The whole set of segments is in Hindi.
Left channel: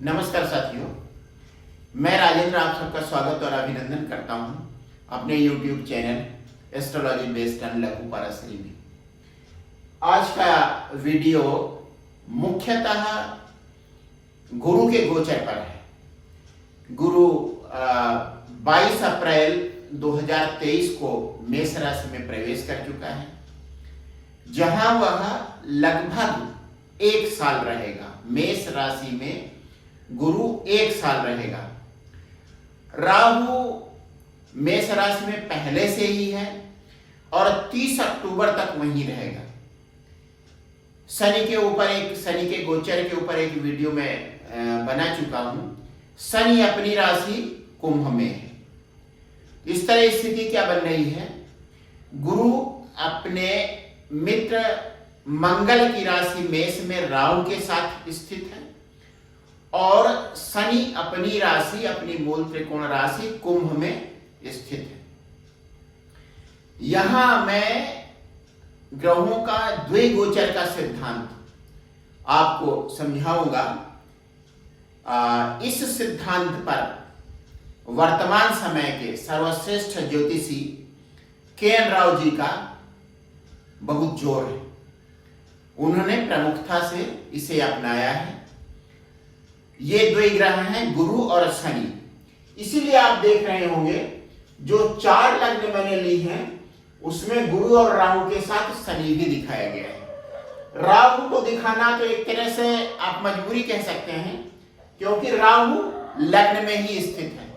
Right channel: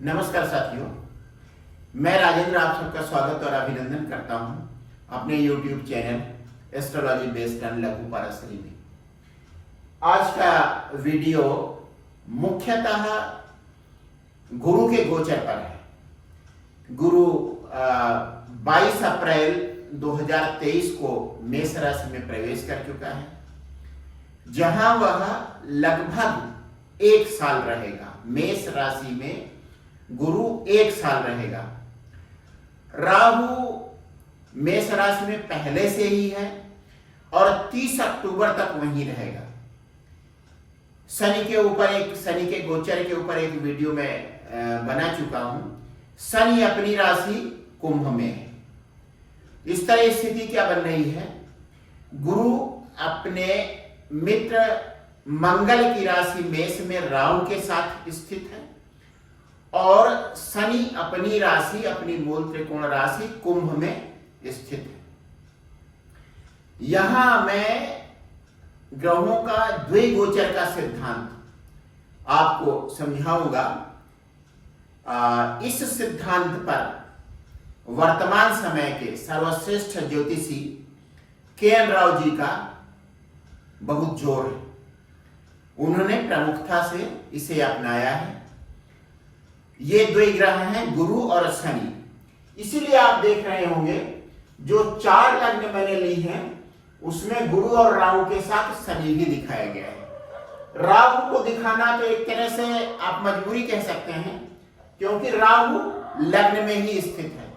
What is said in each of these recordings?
नमस्कार साथियों, मैं राजेंद्र आप सबका स्वागत और अभिनंदन करता हूं अपने YouTube channel astrology based on लघु पाराशरी में। आज का वीडियो मुख्यतः गुरु के गोचर पर है। गुरु 22 अप्रैल 2023 को मेष राशि में प्रवेश कर चुका है, जहां वह लगभग 1 साल रहेगा। मेष राशि में गुरु 1 साल रहेगा। राहु मेष राशि में पहले से ही है और 30 अक्टूबर तक वहीं रहेगा। शनि के गोचर के ऊपर एक वीडियो में बना चुका हूं। शनि अपनी राशि कुंभ में है। इस तरह स्थिति क्या बन रही है? गुरु अपने मित्र मंगल की राशि मेष में राहु के साथ स्थित है और शनि अपनी राशि, अपनी मूल त्रिकोण राशि कुंभ में स्थित है। यहां मैं ग्रहों का द्विगोचर का सिद्धांत आपको समझाऊंगा। इस सिद्धांत पर वर्तमान समय के सर्वश्रेष्ठ ज्योतिषी के.एन. राव जी का बहुत जोर है। उन्होंने प्रमुखता से इसे अपनाया है। ये दो ग्रह हैं, गुरु और शनि। इसीलिए आप देख रहे होंगे जो 4 लग्न मैंने ली हैं उसमें गुरु और राहु के साथ शनि भी दिखाया गया है। राहु को दिखाना तो एक तरह से आप मजबूरी कह सकते हैं, क्योंकि राहु लग्न में ही स्थित है।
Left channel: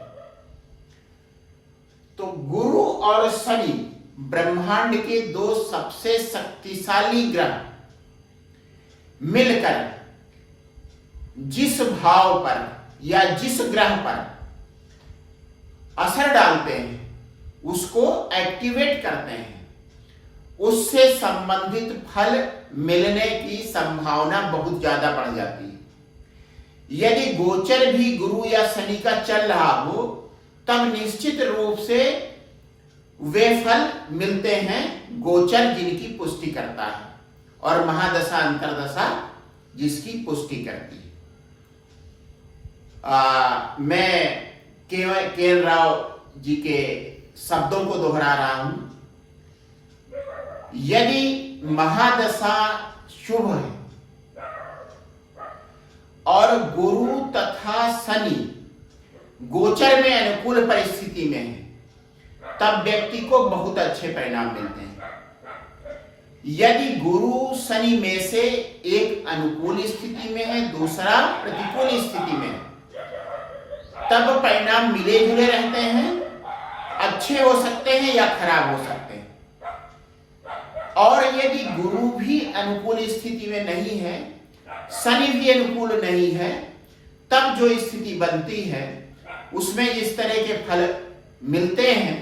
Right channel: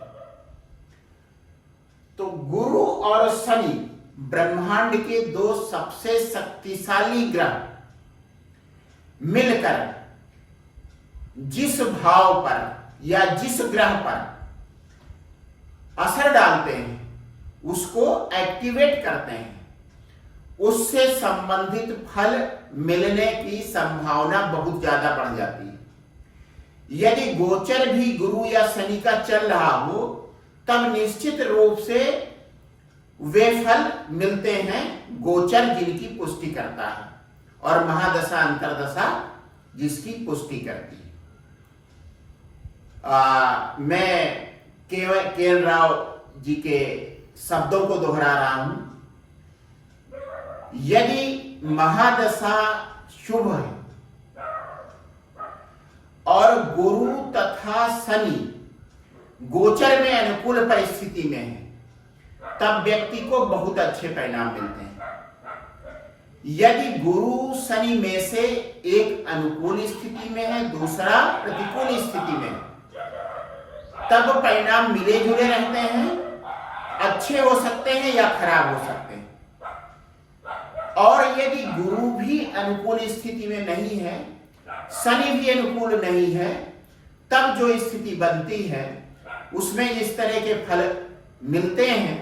तो गुरु और शनि ब्रह्मांड के 2 सबसे शक्तिशाली ग्रह मिलकर जिस भाव पर या जिस ग्रह पर असर डालते हैं उसको एक्टिवेट करते हैं, उससे संबंधित फल मिलने की संभावना बहुत ज्यादा बढ़ जाती है। यदि गोचर भी गुरु या शनि का चल रहा हो तब निश्चित रूप से वे फल मिलते हैं गोचर जिनकी पुष्टि करता है और महादशा अंतरदशा जिसकी पुष्टि करती है। मैं के.एन. राव जी के शब्दों को दोहरा रहा हूं। यदि महादशा शुभ है और गुरु तथा शनि गोचर में अनुकूल परिस्थिति में है तब व्यक्ति को बहुत अच्छे परिणाम मिलते हैं। यदि गुरु शनि में से एक अनुकूल स्थिति में है, दूसरा प्रतिकूल स्थिति में है, तब परिणाम मिले जुले रहते हैं, अच्छे हो सकते हैं या खराब हो सकते हैं। और यदि गुरु भी अनुकूल स्थिति में नहीं है, शनि भी अनुकूल नहीं है, तब जो स्थिति बनती है उसमें इस तरह के फल मिलते हैं।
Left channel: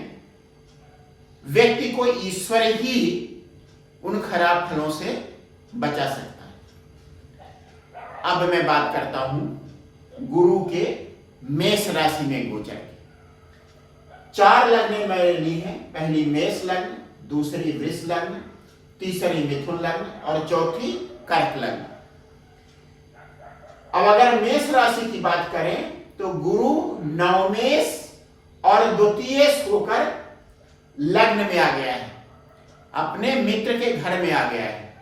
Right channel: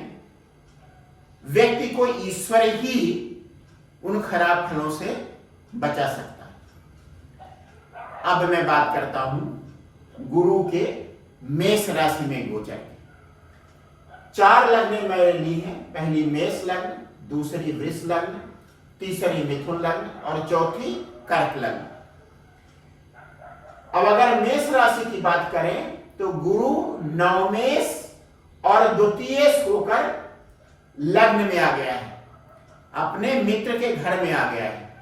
व्यक्ति को ईश्वर ही उन खराब फलों से बचा सकता है। अब मैं बात करता हूं गुरु के मेष राशि में गोचर की। 4 लग्न मैंने ली हैं। पहली मेष लग्न, दूसरी वृष लग्न, तीसरी मिथुन लग्न और चौथी कर्क लग्न। अब अगर मेष राशि की बात करें तो गुरु नवमेष और द्वितीयेश होकर लग्न में आ गया है, अपने मित्र के घर में आ गया है।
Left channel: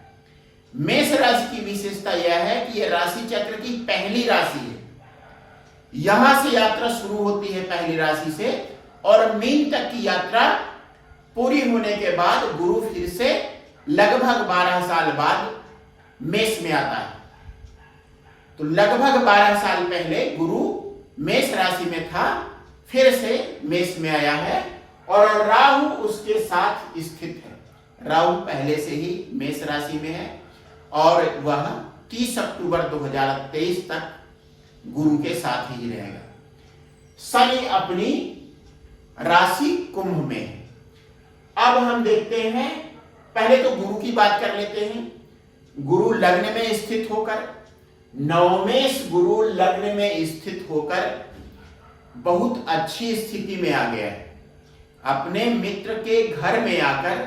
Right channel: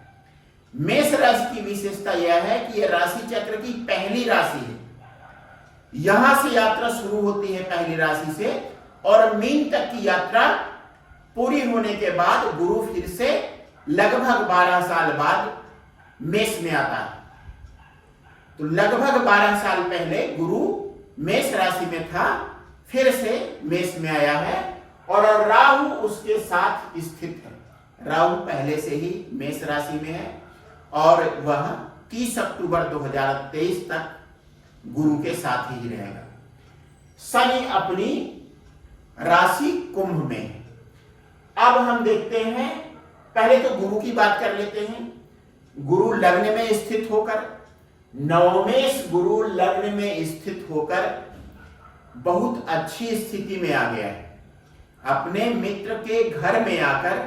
मेष राशि की विशेषता यह है कि यह राशि चक्र की पहली राशि है। यहां से यात्रा शुरू होती है पहली राशि से और मीन तक की यात्रा पूरी होने के बाद गुरु फिर से लगभग 12 साल बाद मेष में आता है। तो लगभग 12 साल पहले गुरु मेष राशि में था, फिर से मेष में आया है और राहु उसके साथ स्थित है। राहु पहले से ही मेष राशि में है और वह 30 अक्टूबर 2023 तक गुरु के साथ ही रहेगा। शनि अपनी राशि कुंभ में है। अब हम देखते हैं, पहले तो गुरु की बात कर लेते हैं। गुरु लग्न में स्थित होकर, नवमेश गुरु लग्न में स्थित होकर बहुत अच्छी स्थिति में आ गया है। अपने मित्र के घर में आकर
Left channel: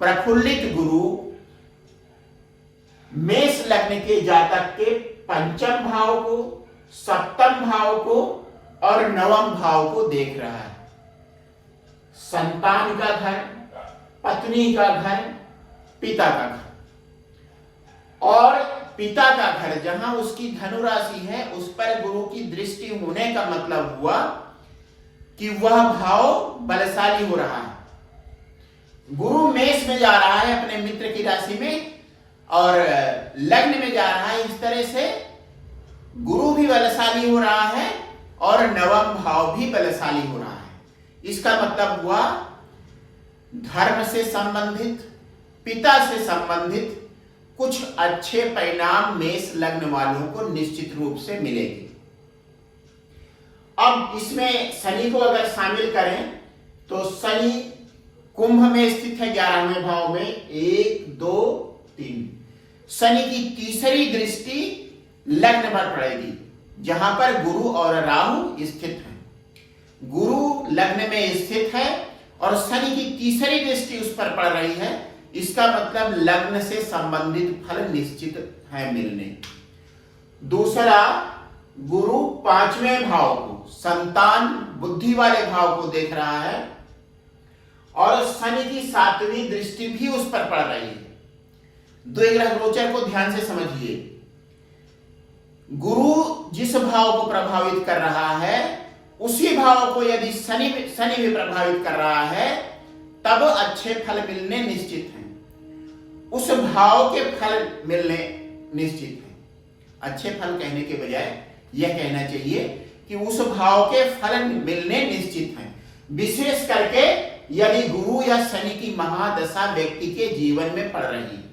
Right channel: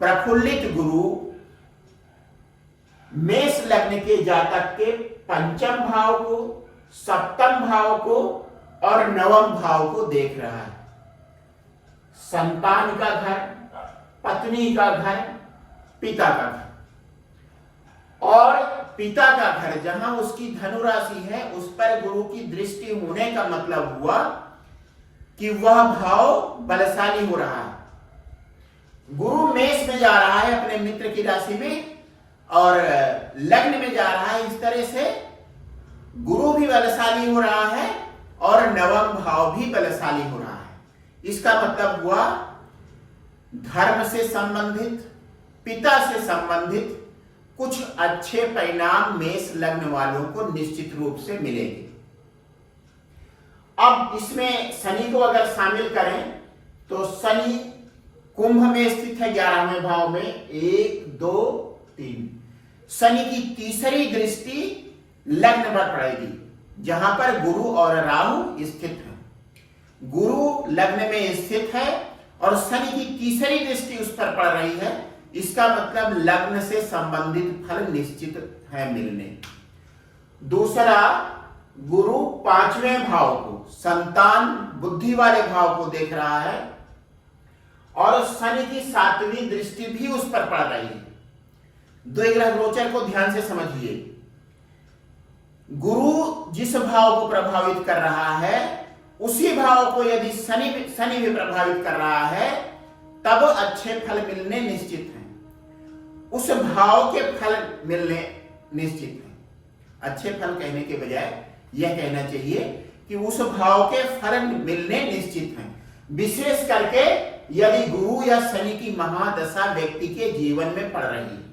प्रफुल्लित गुरु मेष लग्न के जातक के पंचम भाव को, सप्तम भाव को और नवम भाव को देख रहा है। संतान का घर, पत्नी का घर, पिता का घर। और पिता का घर जहां उसकी धनु राशि है उस पर गुरु की दृष्टि होने का मतलब हुआ कि वह भाव बलशाली हो रहा है। गुरु मेष में जा रहा है अपने मित्र की राशि में और लग्न में जा रहा है। इस तरह से गुरु भी बलशाली हो रहा है और नवम भाव भी बलशाली हो रहा है। इसका मतलब हुआ धर्म से संबंधित, पिता से संबंधित कुछ अच्छे परिणाम मेष लग्न वालों को निश्चित रूप से मिलेंगे। अब इसमें शनि को अगर शामिल करें तो शनि कुंभ में स्थित है 11वें भाव में, 1 2 3। शनि की तीसरी दृष्टि लग्न पर पड़ेगी जहां पर गुरु और राहु स्थित हैं। गुरु लग्न में स्थित है और शनि की तीसरी दृष्टि उस पर पड़ रही है। इसका मतलब लग्न से संबंधित फल निश्चित है मिलने। दूसरा, गुरु 5वें भाव को, संतान बुद्धि वाले भाव को देख रहा है और शनि की 7वीं दृष्टि भी उस पर पड़ रही है। द्विग्रह गोचर को ध्यान से समझिए। गुरु जिस भाव को प्रभावित कर रहा है उसी भाव को यदि शनि भी प्रभावित कर रहा है तब अच्छे फल मिलने निश्चित हैं। उस भाव के फल मिलने निश्चित हैं। अच्छे फल कहने के बजाय यह कहना चाहिए कि उस भाव के फल मिलने निश्चित हैं। विशेष करके यदि गुरु या शनि की महादशा व्यक्ति के जीवन में पड़ रही है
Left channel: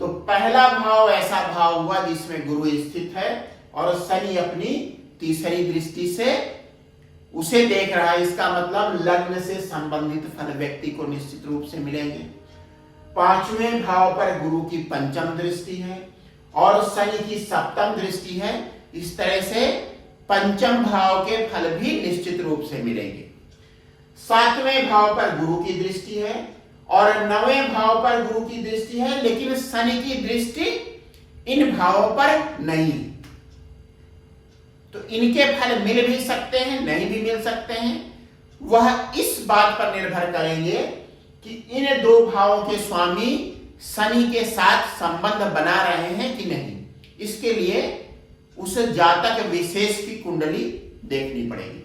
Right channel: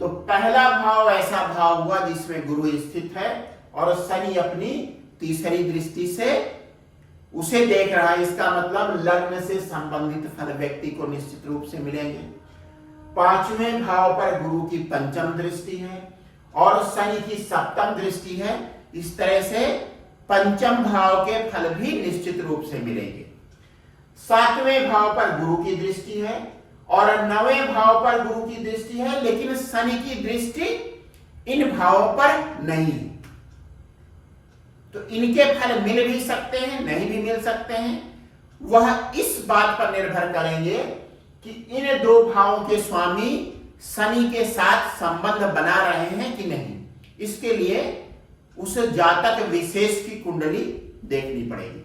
तो पहला भाव ऐसा भाव हुआ जिसमें गुरु स्थित है और शनि अपनी तीसरी दृष्टि से उसे देख रहा है। इसका मतलब लग्न से संबंधित फल व्यक्ति को निश्चित रूप से मिलेंगे। 5वें भाव पर गुरु की 5म दृष्टि है और शनि की 7म दृष्टि है। इस तरह से 5म भाव के फल भी निश्चित रूप से मिलेंगे। 7वें भाव पर गुरु की दृष्टि है और 9वें भाव पर गुरु की दृष्टि है, लेकिन शनि की दृष्टि इन भावों पर नहीं है। तो इनके फल मिल भी सकते हैं, नहीं भी मिल सकते हैं। वह इस बात पर निर्भर करेंगे कि इन 2 भावों के स्वामी शनि के साथ संबंध बना रहे हैं कि नहीं। इसके लिए उस जातक विशेष की कुंडली देखनी पड़ेगी।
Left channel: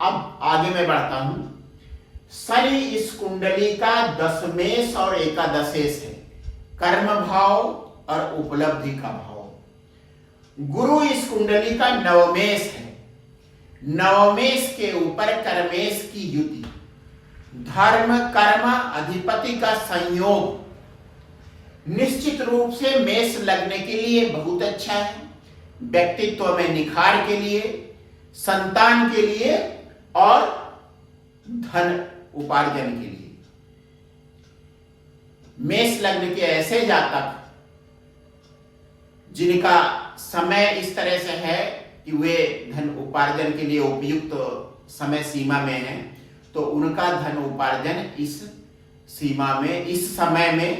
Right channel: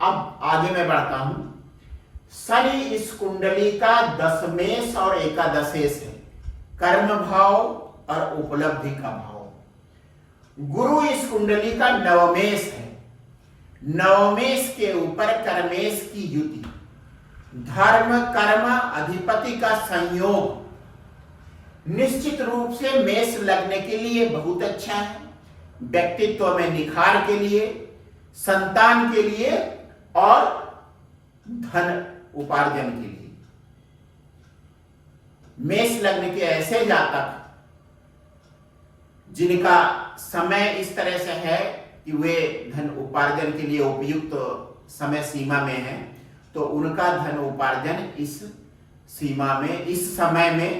अब आगे मैं बढ़ता हूं। शनि इस कुंडली का 10मेश और एकादशेश है, कर्म भाव और उपलब्धि का भाव। गुरु इस कुंडली का 9मेश है। 9मेश के ऊपर कर्मेश की युति, धर्म कर्म अधिपति का संयोग निश्चित रूप से मेष लग्न के लिए बहुत अच्छा है। व्यक्तित्व में निखार के लिए, संतान के लिए और धन उपार्जन के लिए। मेष लग्न के ऐसे जातक जिनका समय इस तरह से है कि वे धन उपार्जन के लिए उपयुक्त समय सीमा में हैं, तो उनका धन उपार्जन इस सीमा में, इस समय में,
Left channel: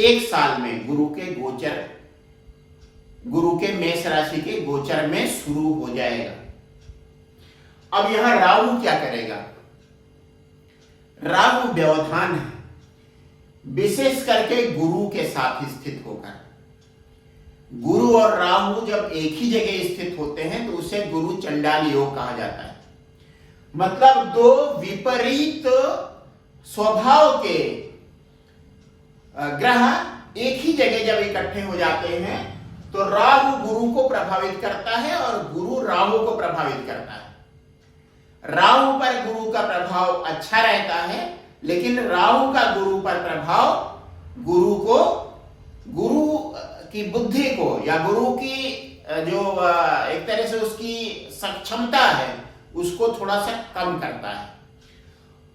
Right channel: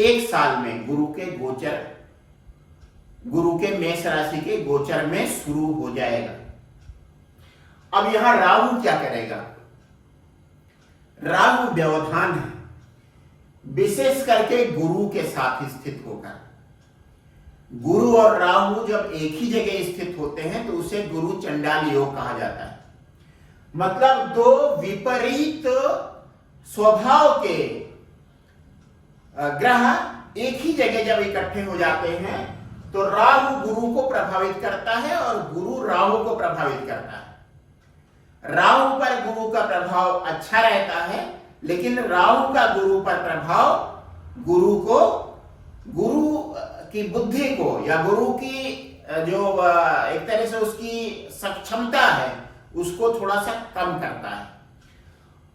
1 साल में गुरु के मेष राशि के गोचर में शुरू हो जाएगा। अब यहां राहु क्या करेगा? राहु व्यवधान है, विशेष करके गुरु के साथ स्थित होकर। गुरु और राहु जब एक ही जगह स्थित होते हैं तो उसे गुरु चंडाल योग कहा जाता है। मतलब 2 विपरीत स्वभाव के ग्रह एक ही जगह जब इकट्ठे हो जाते हैं तो राहु गुरु को प्रभावित करता है और गुरु राहु को प्रभावित करता है। राहु पर गुरु का प्रभाव अच्छा रहता है, लेकिन राहु का गुरु पर प्रभाव गुरु की बुद्धि को या गुरु की जो एक तरह से उसकी सक्षमता है उसको थोड़ा सा कम करता है।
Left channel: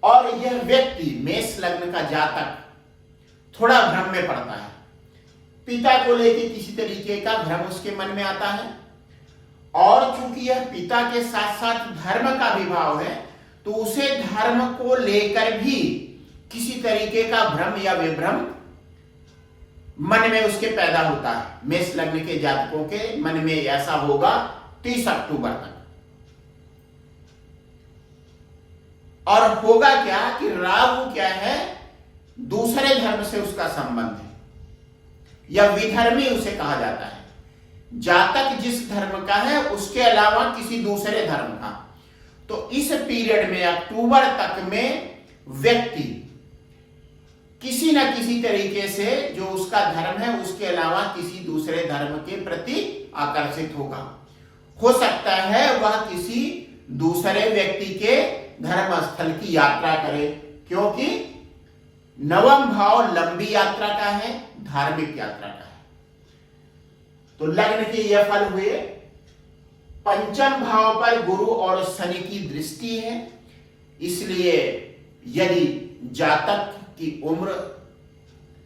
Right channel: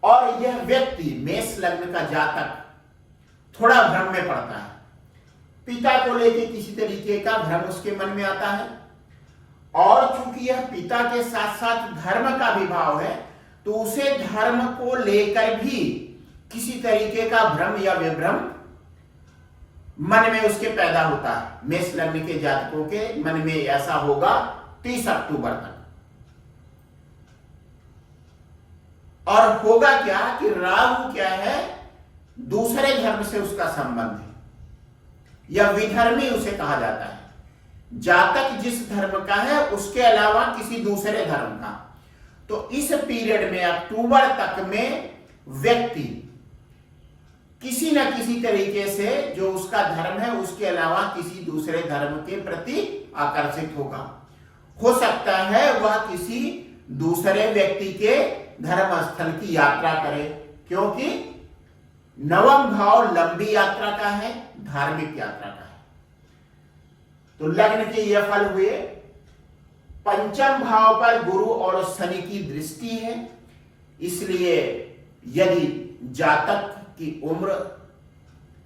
और यह व्यक्ति मेष लग्न का जातक थोड़ा भ्रम में पड़ता है। पिता को लेकर किसी तरीके का भ्रम उसके मन में आता है और चूंकि यह पिता के साथ साथ धर्म का भी भाव है तो उसे धर्म को लेकर भी किसी तरीके का भ्रम या विभ्रम मन में उसके पैदा होता है। मेष लग्न के जातकों के मन में ऐसा होगा 30 अक्टूबर तक। और होगा क्या कि राहु क्या है, दूसरे धर्म से उसका संबंध है, या विधर्मी उसे कहा जाता है। जातक जिस धर्म का है उसके अलावा किसी दूसरे धर्म का। तो इस पीरियड में अक्टूबर तक में व्यक्ति किसी न किसी तरीके से जो उसका धर्म है उसके अलावा किसी दूसरे धर्म के प्रति आकर्षित होगा। हो सकता है वह किसी दूसरे व्यक्ति के धर्म स्थल की यात्रा करे, क्योंकि नवम भाव लंबी यात्रा का है, धार्मिक यात्रा का है। तो लग्न के ये फल हुए। पंचम भाव पर गुरु और शनि की दृष्टि है, इसलिए यदि जातक की उम्र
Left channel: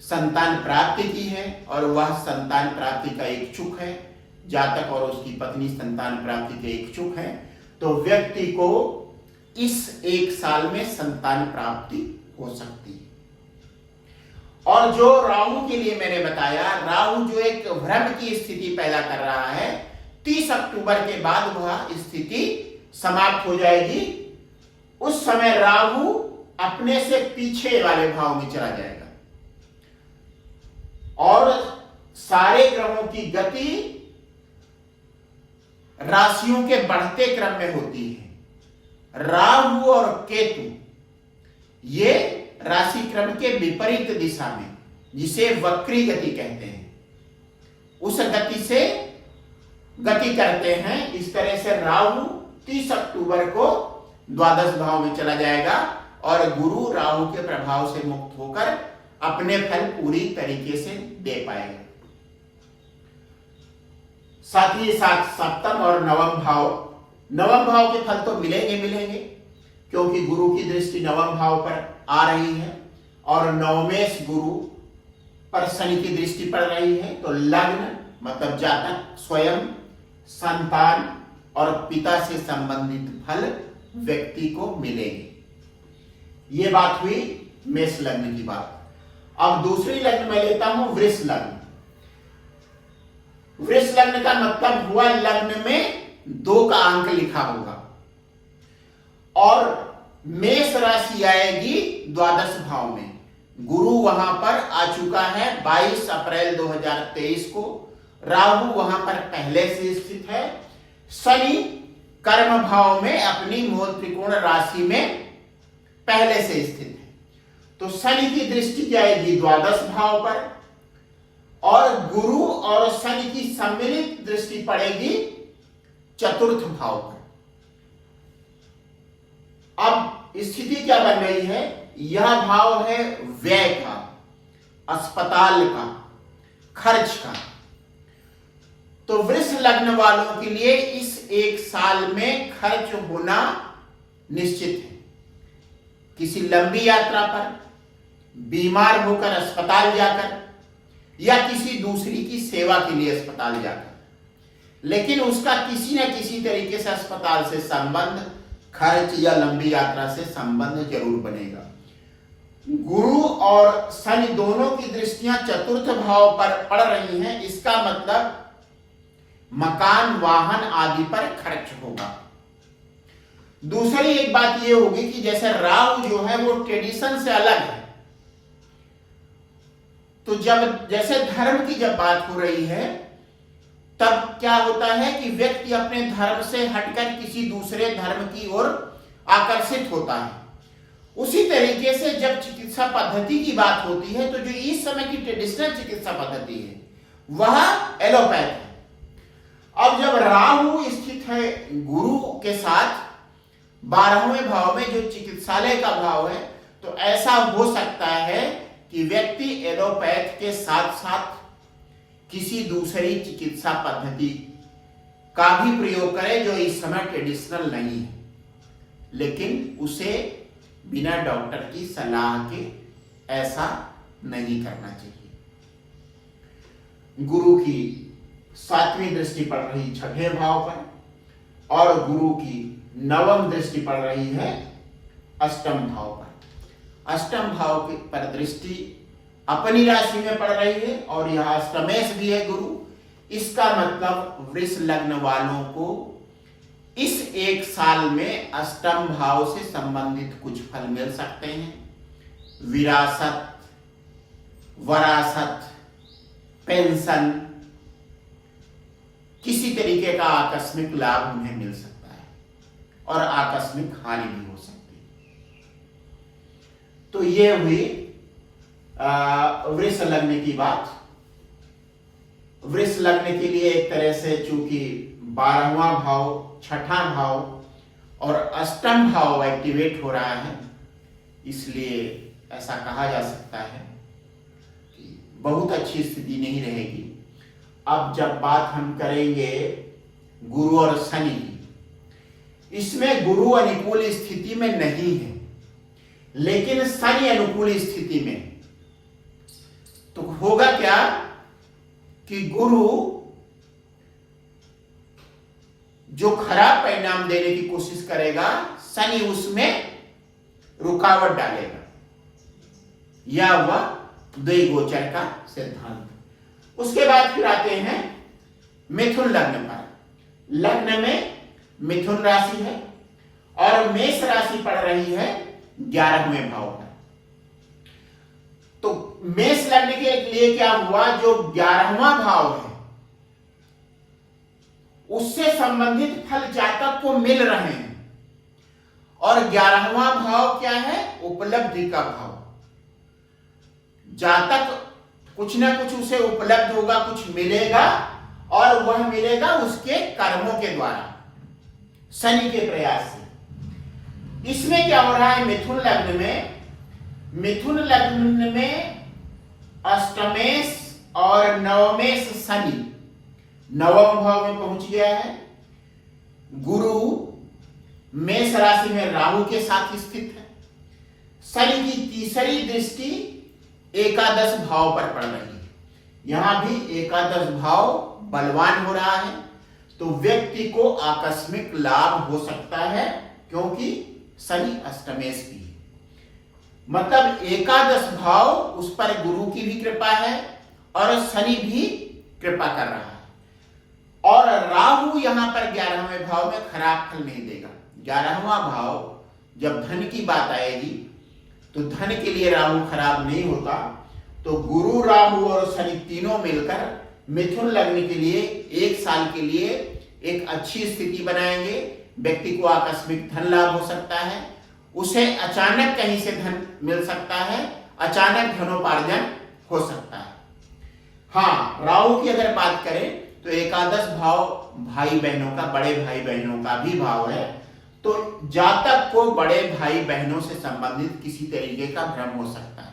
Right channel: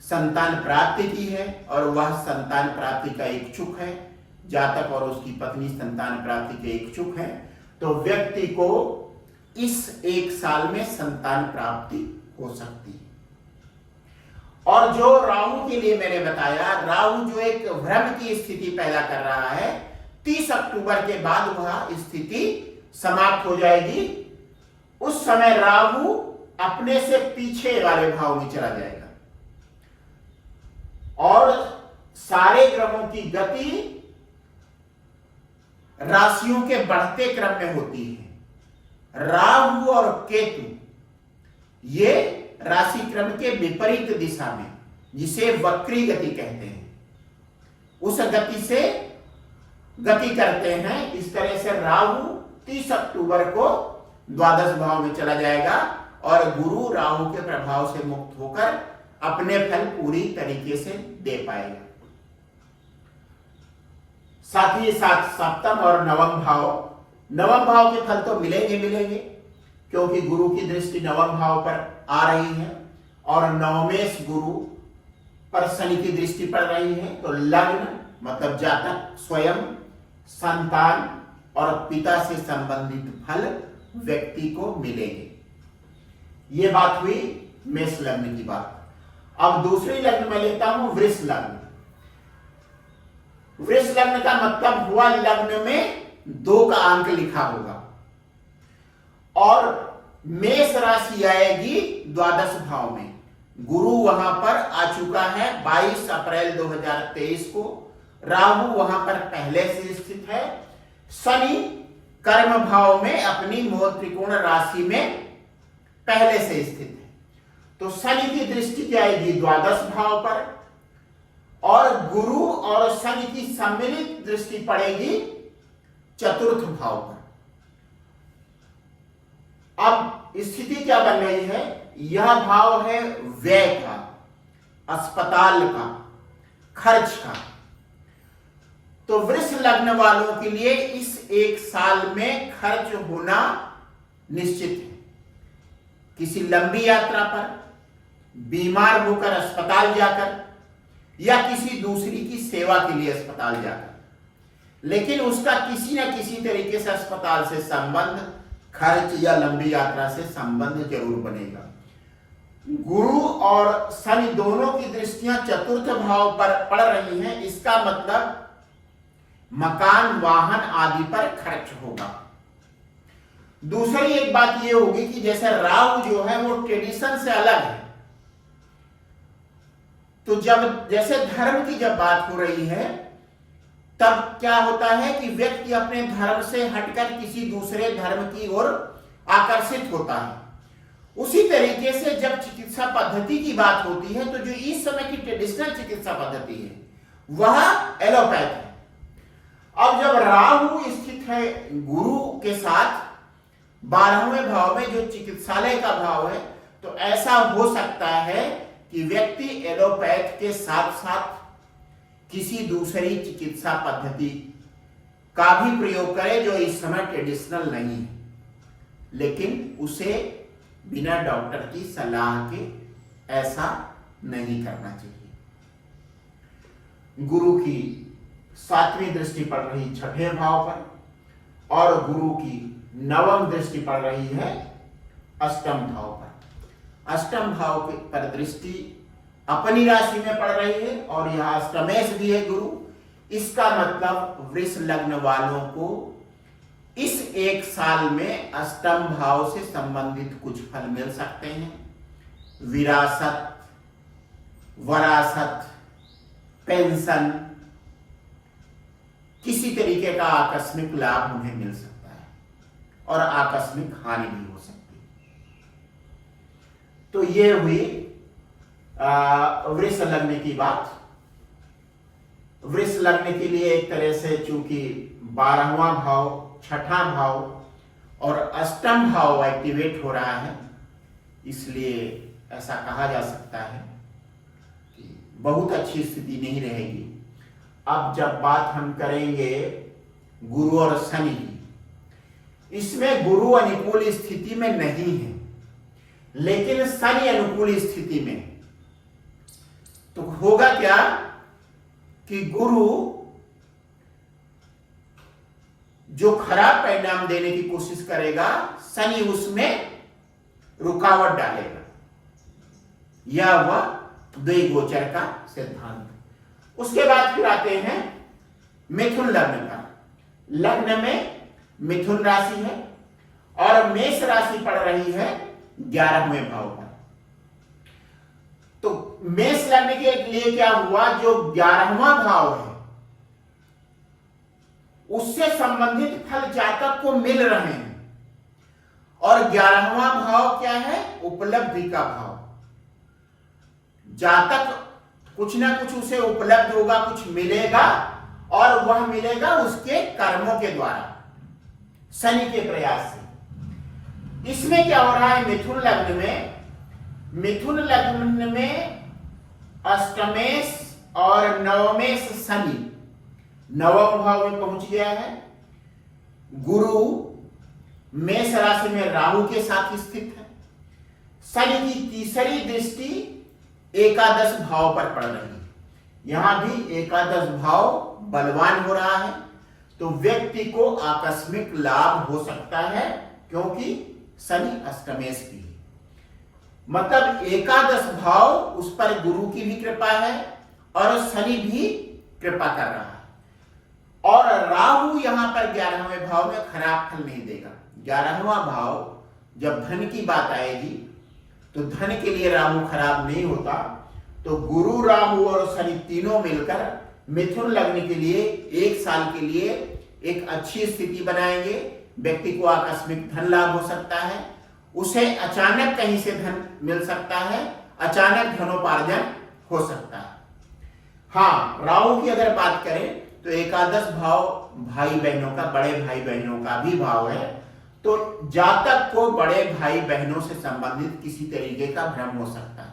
संतान प्राप्ति की है और वह संतान प्राप्ति का इच्छुक है, जातक और उसकी पत्नी संतान प्राप्ति के इच्छुक है, तो व्यक्ति को इस एक साल में संतान प्राप्ति हो सकती है। और जो राहु के लिए मैंने बताया, राहु जो एक भ्रम की स्थिति पैदा कर रहा है, 30 अक्टूबर के बाद वह स्थिति समाप्त हो जाएगी। उस समय राहु अपने से पीछे वाले भाव में चला जाएगा और सारे ग्रहों की गति राशियों के बढ़ते क्रम में होती है। राहु और केतु ये राशि क्रम के विपरीत दिशा में, जिसे वक्री गति कहते हैं, उस गति से गति करते हैं। इस तरह से राहु 30 अक्टूबर को द्वादश भाव में चला जाएगा और गुरु राहु के प्रभाव से मुक्त होकर अपने फल पूरी तरीके से दे पाएगा। साथ ही साथ सप्तम और नवम भाव के फल तो मिलेंगे, क्योंकि गुरु की दृष्टि नवम भाव पर आ रही है और नवमेश गुरु पर शनि की दृष्टि पड़ रही है। तो लग्न मतलब जातक स्वयं, संतान और पिता से संबंधित फल व्यक्ति को मिलेंगे। ये बात हुई मेष लग्न की बात। अब दूसरी लग्न में लेता हूं वृष लग्न। वृष लग्न का मतलब हुआ लग्न में 2 का अंक लिखा होगा और मेष राशि आएगी द्वादश भाव में। गुरु वहां पर आ चुका है 22 अप्रैल 2023 को। राहु वहां पर पहले से स्थित है। शनि कर्म भाव में अपनी मोह त्रिकोण राशि में पहले से स्थित है। तो शनि की दृष्टि जाएगी द्वादश भाव पर और गुरु और शनि की सम्मिलित दृष्टि पड़ेगी चतुर्थ भाव पर। अब स्थिति क्या बन रही है? यह भाव है व्यय का, अस्पताल का, खर्च का। तो वृष लग्न वालों के लिए इस एक साल में खर्च होना निश्चित है। किसी लंबी यात्रा पर, बीमार होकर अस्पताल जाकर या किसी दूसरी की सेवा के लिए अस्पताल जाकर, लेकिन उसका किसी न किसी तरीके से अस्पताल से संबंध, खर्च या लंबी यात्रा से संबंध जरूर बनेगा। गुरु और शनि दोनों की दृष्टियां चतुर्थ भाव पर पड़ रही हैं। इसका मतलब मकान, वाहन आदि पर खर्च होगा। दूसरी एक बात यह होगी कि जैसे राहु जो है वो ट्रेडिशन से अलग है, तो जब जैसे धर्म की जब बात हो रही है तब क्या होता है कि व्यक्ति अपने धर्म से हटकर किसी दूसरे धर्म की ओर आकर्षित होता है। उसी तरीके से जब चिकित्सा पद्धति की बात होती है तो जो इस समय की ट्रेडिशनल चिकित्सा पद्धति है वह एलोपैथ है। अब जब राहु स्थित है गुरु के साथ 12वें भाव में जो चिकित्सालय का भाव है, तो ऐसा हो सकता है कि व्यक्ति एलोपैथ के साथ साथ किसी दूसरी चिकित्सा पद्धति का भी प्रयोग करे जो इस समय ट्रेडिशनल नहीं है, लेकिन उसे बिना डॉक्टर की सलाह के ऐसा नहीं करना चाहिए। गुरु की 7वीं दृष्टि पड़ रही 6ठे भाव पर और गुरु की 9वीं दृष्टि पड़ रही है 8म भाव पर। 8म भाव पर दृष्टि अपनी राशि में पड़ रही है और यह अष्टमेश भी है गुरु। इसका मतलब वृष लग्न वालों को इस एक साल में अष्टम भाव से संबंधित कुछ फल मिल सकते हैं। विरासत, वरासत, पेंशन, किसी तरीके का आकस्मिक लाभ उन्हें मिल सकता है और आकस्मिक हानि भी हो सकती है। तो ये हुई वृष लग्न की बात। वृष लग्न के लिए एक तरह से चूंकि 12वां भाव, 6ठा भाव और अष्टम भाव एक्टिवेट हो रहा है, इसलिए ऐसा कहा जा सकता है कि बहुत अच्छी स्थिति नहीं रहेगी। अब जब बात हम करेंगे गुरु और शनि की, इसमें गुरु अनुकूल स्थिति में नहीं है, लेकिन शनि अनुकूल स्थिति में। तो होगा क्या कि गुरु जो खराब परिणाम देने की कोशिश करेगा, शनि उसमें रुकावट डालेगा। यह हुआ द्विगोचर का सिद्धांत। उसके बाद फिर आते हैं मिथुन लग्न पर। लग्न में मिथुन राशि है और मेष राशि पड़ रही है 11वें भाव पर। तो मेष लग्न के लिए क्या हुआ, जो 11वां भाव है उससे संबंधित फल जातक को मिल रहे हैं। और 11वां भाव क्या है, उपलब्धि का भाव। जातक कुछ ना कुछ उसे उपलब्ध होगा, कुछ मिलेगा, और वह मिलेगा उसके कर्मों के द्वारा, शनि के प्रयास से। इसमें क्या हो रहा है, मिथुन लग्न में अष्टमेश और नवमेश शनि नवम भाव में पहुंच गया है। गुरु मेष राशि में राहु के साथ स्थित है। शनि की तीसरी दृष्टि एकादश भाव पर पड़ रही है। यहां भी एकादश भाव बलवान हो रहा है, तो व्यक्ति को आकस्मिक लाभ हो सकता है, क्योंकि शनि अष्टमेश की है। मतलब एकादश भाव, उस पर गुरु की भी कृपा है और शनि भी कृपा कर रहा है। और राहु यहां पर 11वें भाव में खराब फल नहीं देगा। 11वां भाव जब धन की बात आएगी तो धन के लिए राहु खराब नहीं होता। तो गुरु, राहु और शनि तीनों मिलकर मिथुन लग्न के लिए एक साल के लिए एक अच्छी स्थिति बनाएंगे। व्यक्ति को आकस्मिक धन लाभ हो सकता है, उसे अचानक कहीं से धन मिल सकता है, अचानक धनोपार्जन हो सकता है। हाँ, राहु की अगर बात करें तो एकादश भाव भाई बहनों का, बड़े भाई बहनों का भी भाव है। तो जातक को बड़े भाई बहनों से संबंधित किसी तरीके का भ्रम हो सकता है।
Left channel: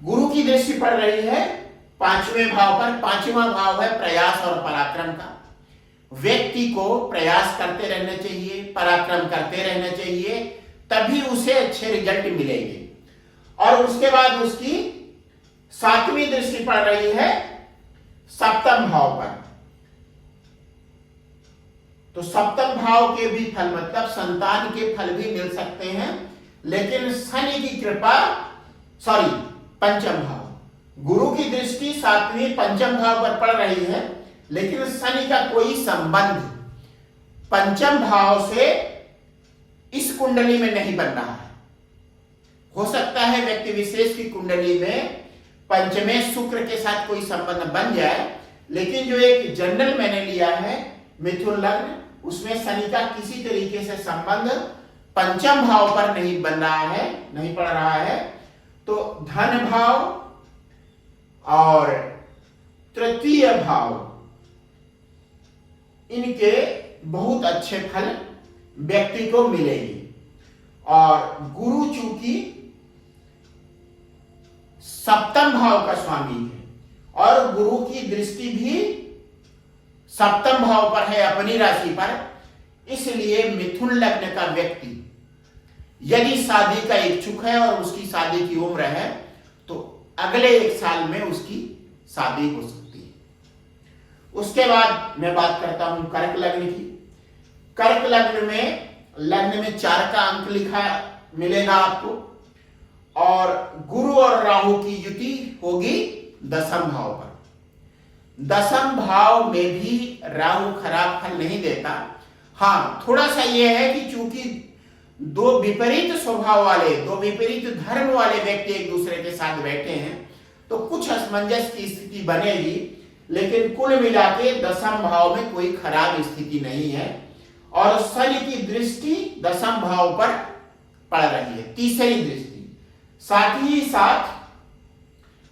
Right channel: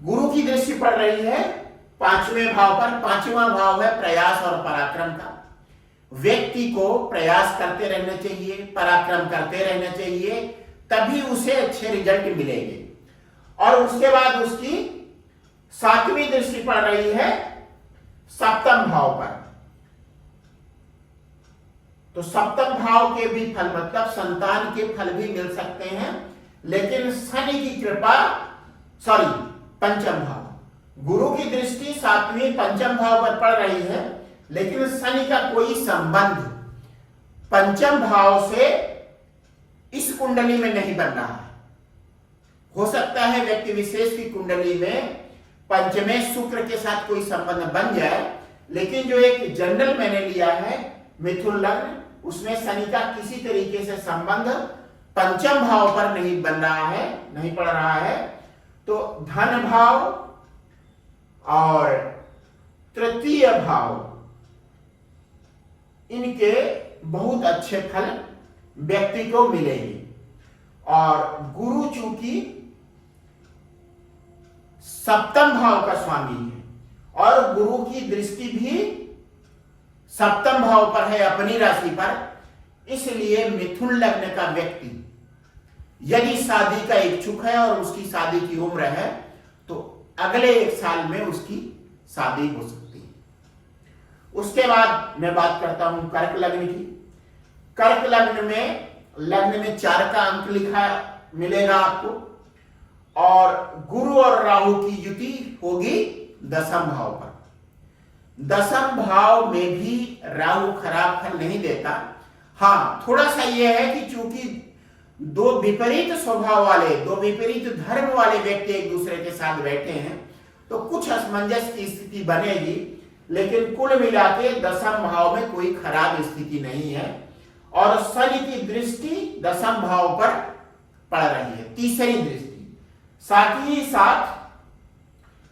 गुरु की दृष्टि पड़ रही है 5वें भाव पर। 5वां भाव है प्रयास और पराक्रम का। व्यक्ति को प्रयास करते रहना चाहिए, पराक्रम करते रहना चाहिए, तभी उसे अच्छे रिजल्ट मिलेंगे। और उसके बाद उसकी 7वीं दृष्टि पड़ रही है 7वें भाव पर। तो 7वें भाव के भी फल, मतलब संतान के फल भी मिल सकते हैं, लेकिन शनि की कृपा, 5वें भाव, गुरु की दृष्टि 7वें 5वें भाव पर पड़ रही है, लेकिन शनि का कोई संबंध 5वें भाव से इस कुंडली में नहीं बन रहा है। हो सकता है व्यक्ति विशेष की कुंडली में पंचमें शुक्र के साथ कोई संबंध बन जाए, लेकिन जो एक जनरल मैंने लिया है मिथुन लग्न, उसमें शनि का किसी तरीके से संबंध 5वें भाव पर नहीं बन रहा है, नहीं पड़ रहा है। तो धन भाव और तृतीय भाव, इनके बहुत अच्छे फल व्यक्ति को मिलेंगे। और गुरु चूंकि 7वें भाव का स्वामी है और गुरु की दृष्टि भी 7वें भाव पर है अपनी राशि पर, इसलिए मिथुन लग्न का व्यक्ति यदि शादी का इच्छुक है और उसकी शादी की उम्र है, तो अगले एक साल में उसकी शादी हो सकती है। उसके बाद मैं बात करता हूं कर्क लग्न की। कर्क लग्न में 4 का अंक लिखा मिलेगा आपको, और गुरु और राहु की युति होगी दशम भाव पर। दशम भाव में भी राहु खराब फल नहीं देता। हाँ, थोड़ा सा यह है कि चूंकि दो विपरीत स्वभाव वाले, दो विपरीत धर्म वाले व्यक्ति एक दूसरे के साथ बैठे हैं तो कुछ असमंजस की स्थिति बनेगी, लेकिन कुल मिला के दशम भाव में कोई खराब स्थिति नहीं है। और शनि की दृष्टि दशम भाव पर पड़ रही है, तीसरी दृष्टि। साथ ही साथ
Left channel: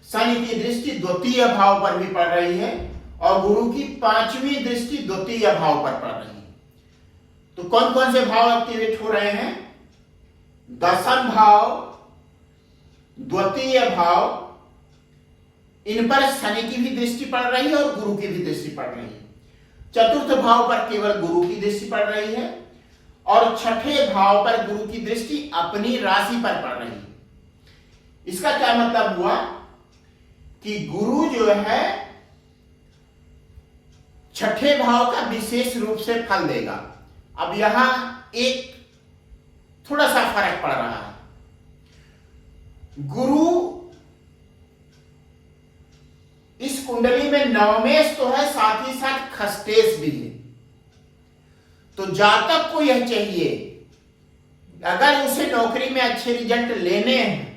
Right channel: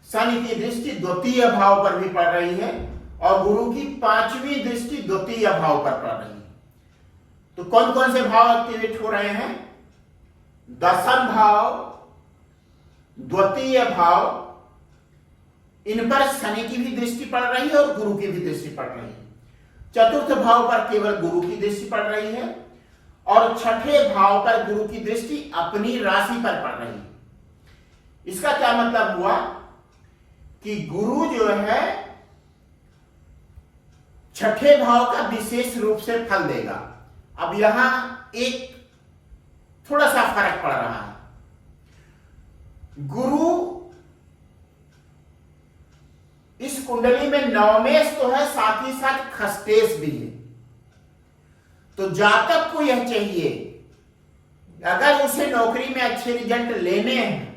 शनि की दृष्टि द्वितीय भाव पर भी पड़ रही है और गुरु की पांचवी दृष्टि द्वितीय भाव पर पड़ रही है। तो कौन कौन से भाव एक्टिवेट हो रहे हैं? दशम भाव, द्वितीय भाव, इन पर शनि की भी दृष्टि पड़ रही है और गुरु की भी दृष्टि पड़ रही है। चतुर्थ भाव पर केवल गुरु की दृष्टि पड़ रही है और छठे भाव पर गुरु की दृष्टि अपनी राशि पर पड़ रही है। इसका क्या मतलब हुआ कि गुरु जो है छठे भाव का विशेष रूप से फल देगा। अब यहां एक थोड़ा सा फर्क पड़ रहा है। गुरु इस कुंडली में नवमेश तो है, साथ ही साथ खष्टेश भी है। तो जातक को यह चाहिए, अगर उसे नौकरी में अच्छे रिजल्ट लेने हैं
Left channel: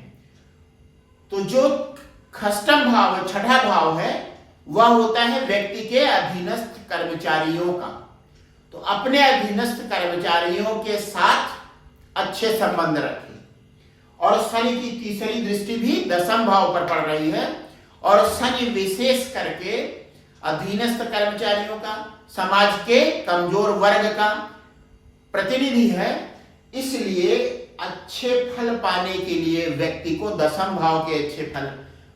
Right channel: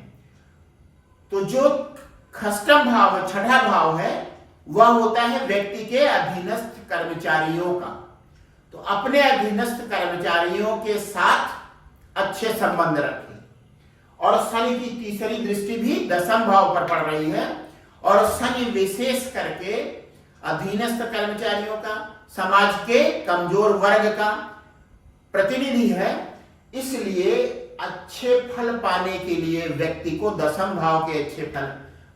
तो जो खष्टम भाव है, छठा भाव है, वह होता है व्यक्ति के अधीनस्थ कर्मचारियों का। तो अपने अधीनस्थ कर्मचारियों के साथ अच्छे संबंध रखें। और शनि की तीसरी दृष्टि भी दशम भाव पर पड़ रही है और शनि विशेष करके अधीनस्थ कर्मचारियों का, समाज के कमजोर वर्ग का प्रतिनिधि है। इसलिए अच्छे फल पाने के लिए व्यक्ति को दशम भाव के अच्छे फल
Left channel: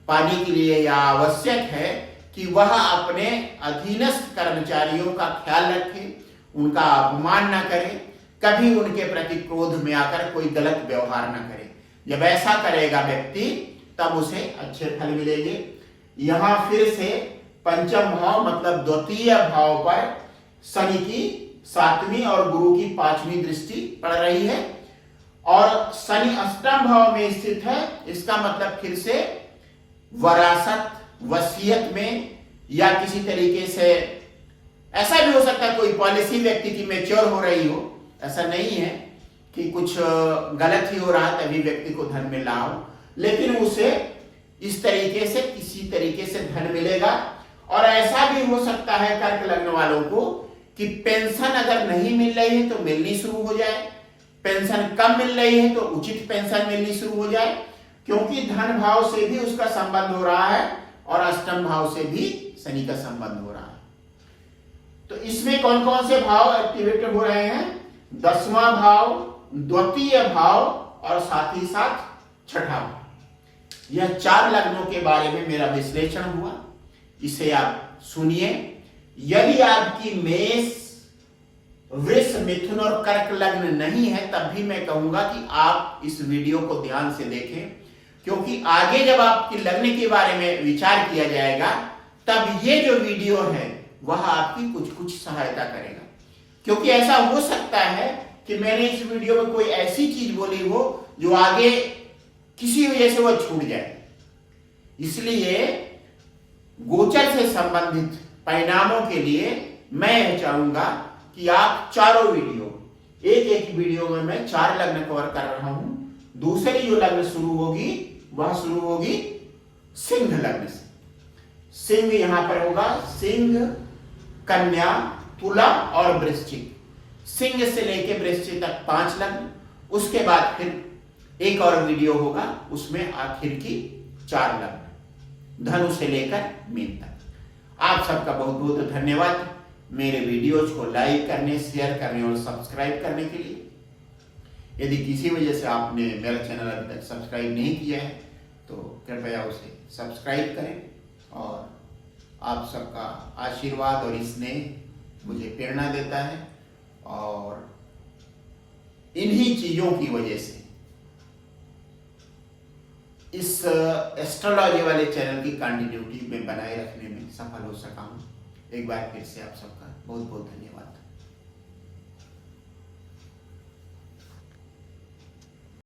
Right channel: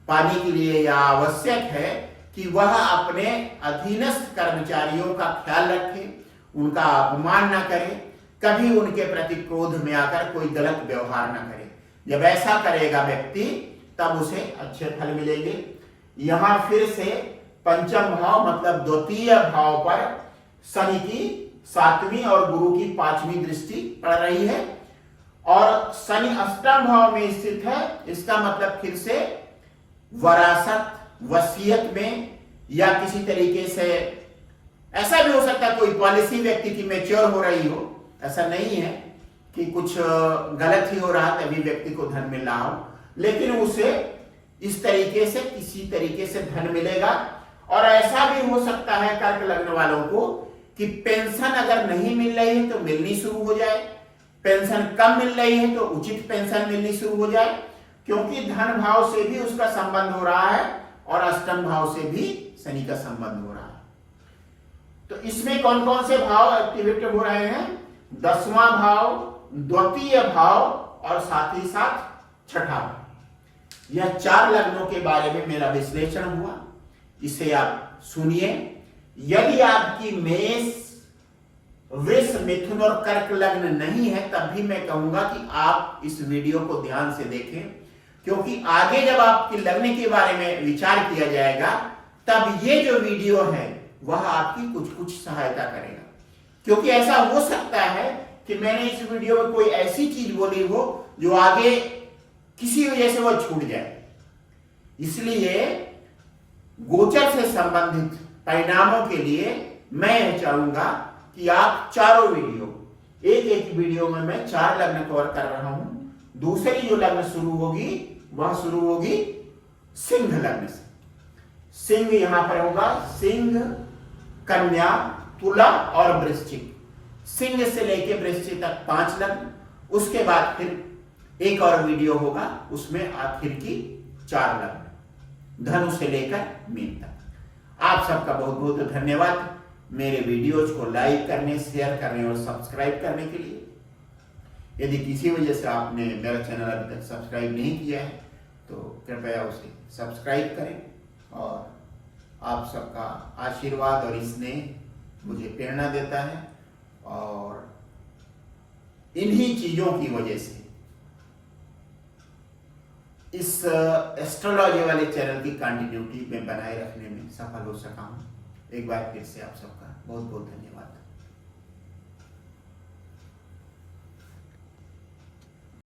पाने के लिए यह आवश्यक है कि वह अपने अधीनस्थ कर्मचारियों का ख्याल रखे, उनका अपमान न करे, कभी उनके प्रति क्रोध में आकर कोई गलत व्यवहार न करे। जब ऐसा करेगा व्यक्ति तब उसे अच्छे फल मिलेंगे। यहां फिर से पंचम भाव मतलब द्वितीय भाव पर शनि की सातवीं और गुरु की पांचवी दृष्टि पड़ रही है और शनि अष्टम भाव में स्थित है। इसका मतलब फिर से वरासत, वसीयत में या किसी तरीके से ऐसा भी हो सकता है कोई पॉलिसी व्यक्ति की मैच्योर हो रही हो। ऐसा नहीं है कि कुछ गलत ही हो रहा तभी व्यक्ति को धन मिल रहा हो, लेकिन उसे इस तरीके से किसी तरीके से धन मिलेगा। और ऐसा भी हो सकता है कर्क लग्न वालों को कि पेंशन अगर नहीं मिल रही है तो मिलनी शुरू हो जाए, पेंशन कम मिल रही है तो उचित पेंशन मिलनी शुरू हो जाए, क्योंकि धन भाव से भी उसका संबंध हो रहा है और अष्टम भाव से भी शनि का संबंध हो रहा है। तो इसमें कौन कौन से भाव एक्टिवेट हो रहे हैं? दसवां भाव, द्वितीय भाव और साथ ही साथ छठा भाव। यह चार लग्नों के बारे में मेरा विश्लेषण हुआ, इसे आप सुनिए। यदि आपकी मेष, वृष, मिथुन और कर्क लग्न नहीं है तब भी मैं कहूंगा कि आप इस वीडियो को ध्यान से देखें, क्योंकि आगे जब आपके लग्न के बारे में विचार किया जाएगा तब ये जो वीडियो है वह आपकी कुछ कुछ सहायता करेगा। क्योंकि ऐसा हो सकता है कि मैंने इस वीडियो में कोई ऐसी चीज बोली हो जो आगे किसी वजह से वह छूट जाए। इसलिए गोचर से संबंधित परिणामों के लिए मैं यह चाहूंगा कि आप चारों वीडियो, एक एक वीडियो में मैं 4 लग्न कवर कर रहा हूं। दूसरी जो लग्न शुरू होगी वह शुरू होगी सिंह लग्न से। सिंह यहां पर होगा, सिंह, कन्या, तुला और वृश्चिक। सिंह से लेकर वृश्चिक तक 5 लग्न, उसके बाद फिर एक और वीडियो होगा उसमें आखिर की 4 लग्न, धनु से लेकर मीन तक। आप सबका बहुत बहुत धन्यवाद मेरे वीडियोज को लाइक करने, शेयर करने और सब्सक्राइब करने के लिए। यदि किसी वजह से आपने मेरा चैनल अभी तक सब्सक्राइब नहीं किया है तो कृपया उसे सब्सक्राइब करें। और आप सबका आशीर्वाद और स्नेह मुझे प्रेरणा देता है और इन्हीं चीजों की वजह से इस एस्ट्रोलॉजी वाले चैनल की कंटिन्यूटी में बनाए रखने में सफल हो सका हूं। एक बार फिर से आप सबका बहुत बहुत धन्यवाद।